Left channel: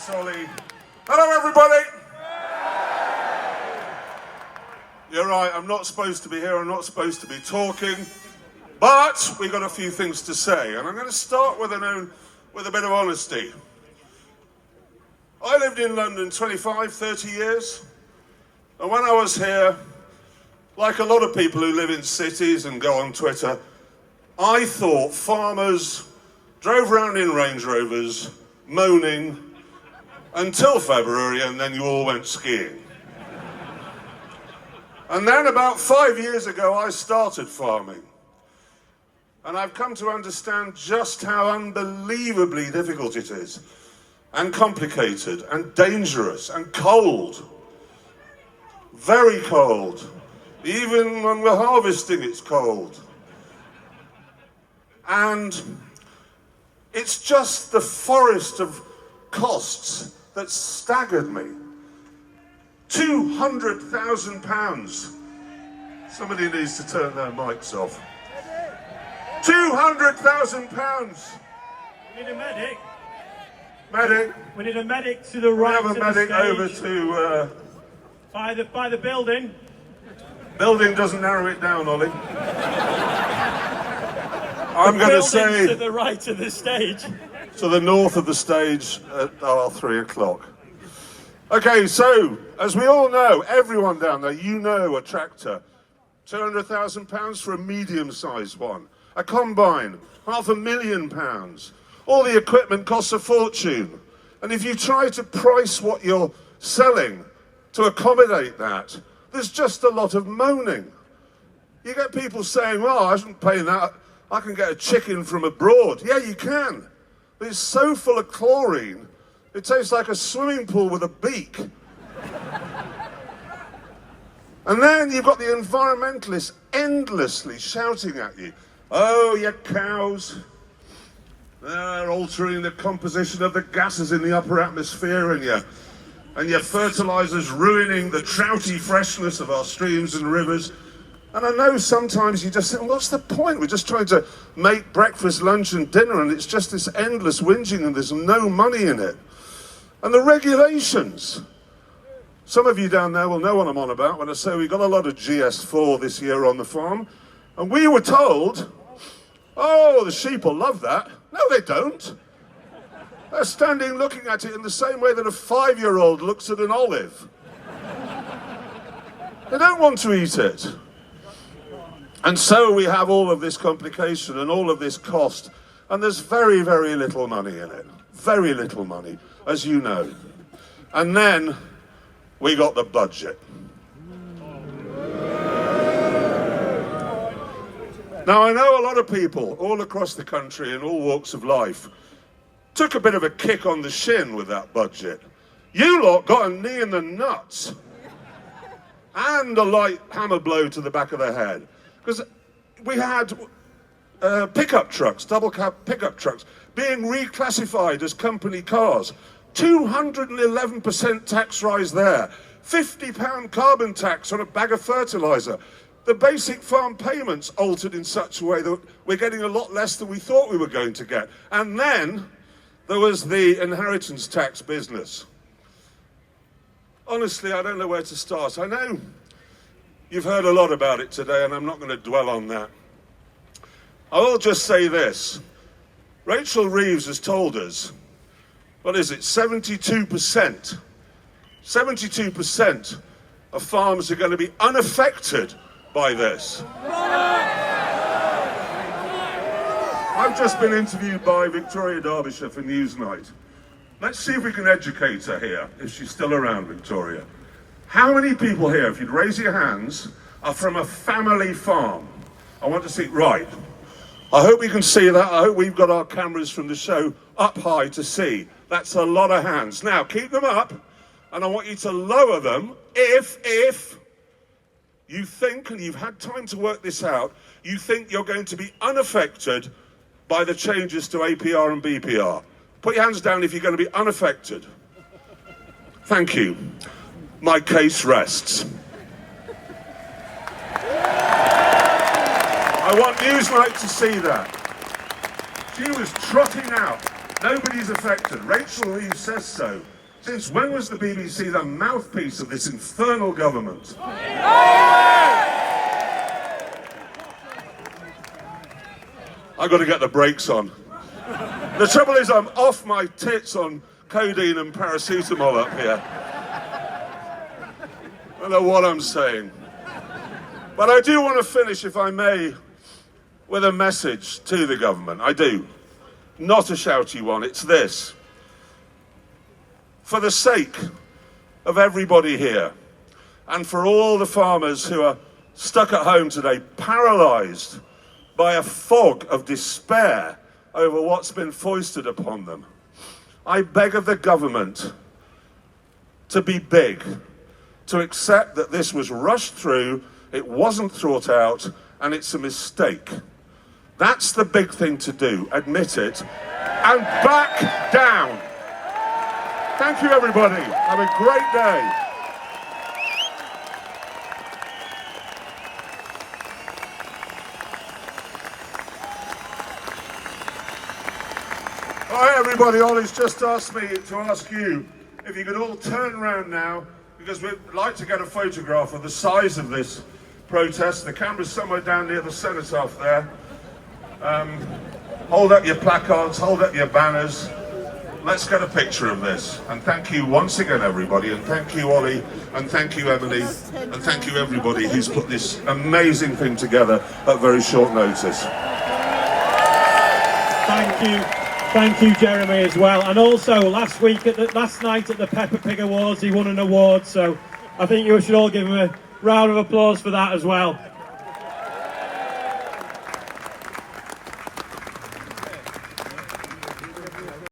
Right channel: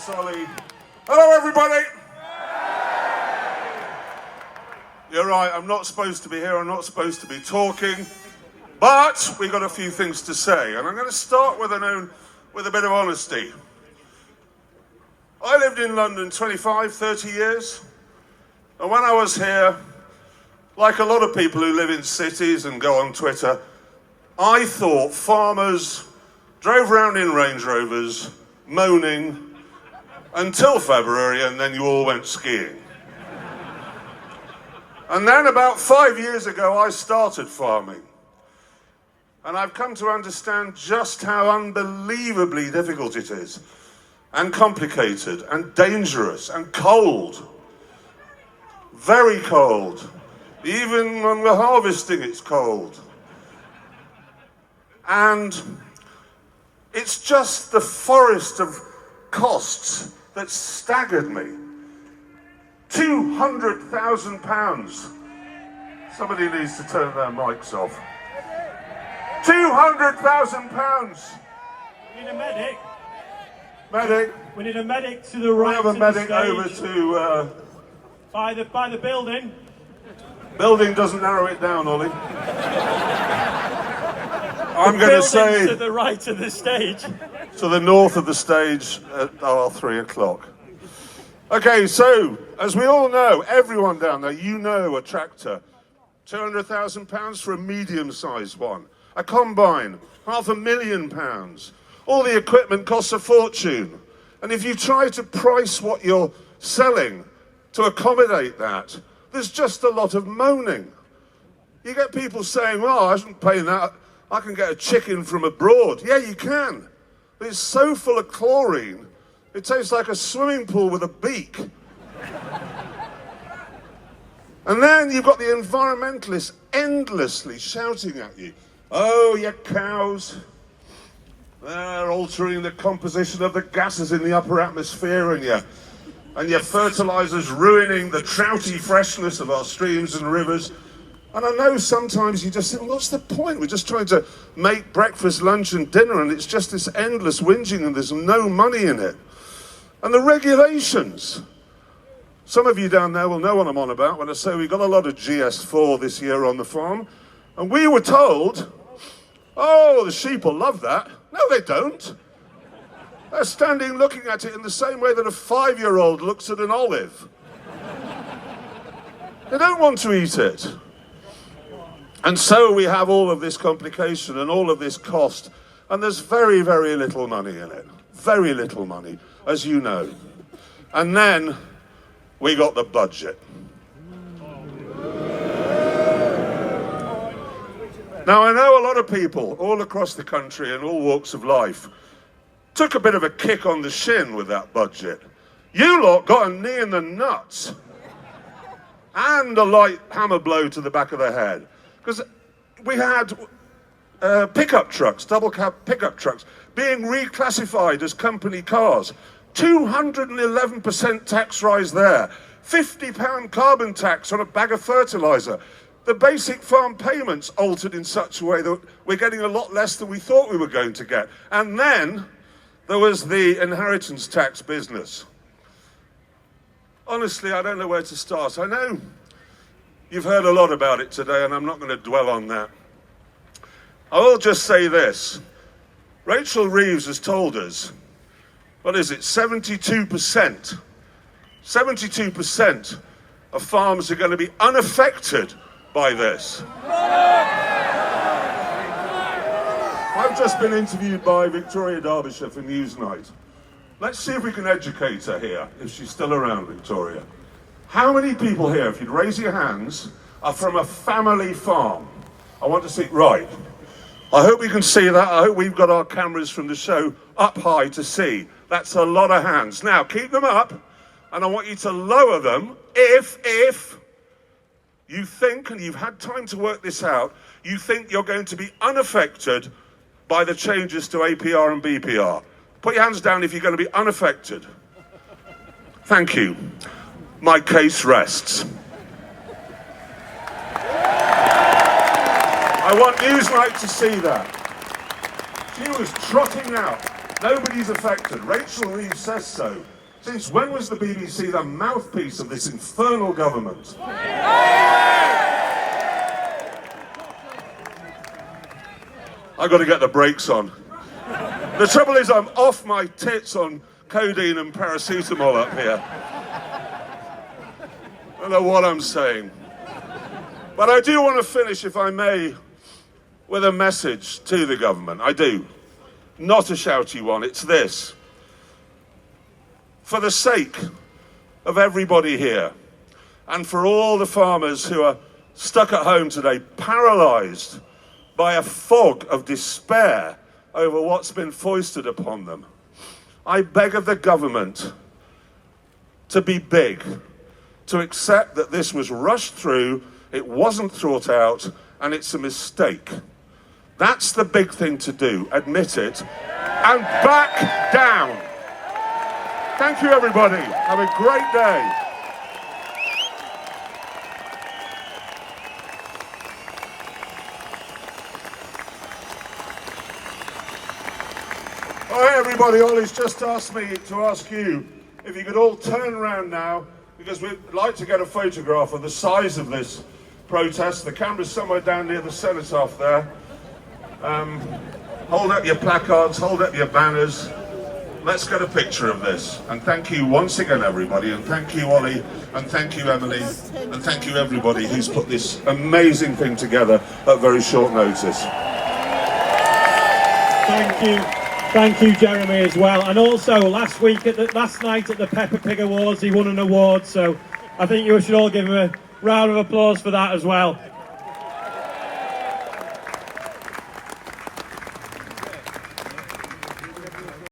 Thanks, Ollie. Hello, everybody. You're right, I'm not supposed to be here, I'm not supposed to be talking, but we've got a few things to say, and I'm going to start with a bit of honesty. I lived in London 25, 30 years, and when I was here, like a lot of people who live in cities and go on Twitter, I thought farmers drove around in Range Rovers, moaning, until February, and then you all went skiing. And then about 5 years ago, I started farming. And I've come to understand just how unbelievably difficult it is, and complicated, and dangerous, and cold. Very cold. Even when we're harvesting, it's cold. And it's just the forest of costs that staggered me. £200,000. Somebody needs to turn their mics off. £200,000. We need a medic. Medic. We need a medic to the right. We have a medic over to... by the building. Building doesn't narrow it down, Ollie. I'm going to say... to the right of the stage. To the north of the stage at 3 o'clock. Okay, so, as we all know, everyone down there, you know a tractor. £200,000 for a medium-sized one. A combine, £500,000. All the equipment costs a fortune. And if you try to price what you're selling to accommodate that, there's just a lot of moaning. You get people saying, well, I shouldn't pay that. I can get a chicken from abroad. Yeah, you can. But it's so full of chlorine, it tastes like a swimming pool with a beak. And then you've got the environmentalists endlessly shouting at you, oh, your cows, they're altering the composition of the gases in the upper atmosphere, and your fertilizers ruining the trouty freshness of our streams and rivers. And I know sometimes you just think, what's the point? We're just trying to make breakfast, lunch and dinner, and it's just this endless whinging and there's no money in it. And the regulations. Some of you down there will know what I'm on about when I say we got a lot of GS4 this year on the farm. And we were told, oh, the sheep will love that. No, they don't. They're standing looking at it in the same way that a 5-year-old looks at an olive. They don't want to eat it. And so we have all of this complication and all of this cost. And there's very, very little money in it. Very little money, as you know. And then we got the budget. Now, I know a lot of people all across the country in all walks of life took a bit of a kick on the shin with that budget. You lot got a knee in the nuts and a light hammer blow to the back of the head. Because we had pickup trucks, double cab pickup trucks, being reclassified as company cars. 211% tax rise there. £50 carbon tax on a bag of fertiliser. The basic farm payments altered in such a way that we're getting a lot less than we thought we were going to get. And then there was the inheritance tax business. Honestly, I don't know where to start. I know you've heard a lot about it today, and I'm not going to dwell on that. I will just say this. Rachel Reeves has told us, what is it, 72%? 72% of farms are going to be unaffected by this. I've just been interviewed by Victoria Derbyshire for Newsnight. Let's see if we can educate her here, if she's still around, Victoria. How many people here, if you'd raise your hands, are from a family farm? I want to see, right. I hope we can see that. I hope we've got our cameras from the show up high to see. That's a lot of hands. Now, keep them up, and I want you to lower them if you think, and you've had time to work this out, you think you're going to be unaffected by the changes to APR and BPR. Put your hands down if you're going to be unaffected. Thank you. My case rests. I want Newsnight to see that. She was trotting out Nobody's affected. Rachel Reeves says so. Since when was the BBC the mouthpiece of this infernal government? I've got to get the brakes on. The trouble is I'm off my tits on codeine and paracetamol up here. I don't know what I'm saying. But I do want to finish, if I may, with a message to the government. I do. Not a shouty one, it's this. For the sake of everybody here, and for all the farmers who are stuck at home today, paralysed by a fog of despair over what's been foisted upon them, I beg of the government to be big, to accept that this was rushed through, it wasn't thought out, and it's a mistake. That's the big thing to do, admit it, and back down. Thank you, everybody. Have a great day. Hi, everybody. Ollie's just asked me to ask you if you could all turn around now, because we'd like to get a photograph of the size of this protest. The camera's somewhere down near the cenotaph there. Hold up your placards, hold up your banners. Let's get a picture of this. And thank you once again, everybody. And thank you, Ollie. And thank you, Emily. And thank you, everybody who's put this amazing thing together at very short notice. Thank you. Thank you, Jeremy, as well. And also, last night at the Peppa Pig Awards, he won an award. So I think you should all give him a round of applause for that as well.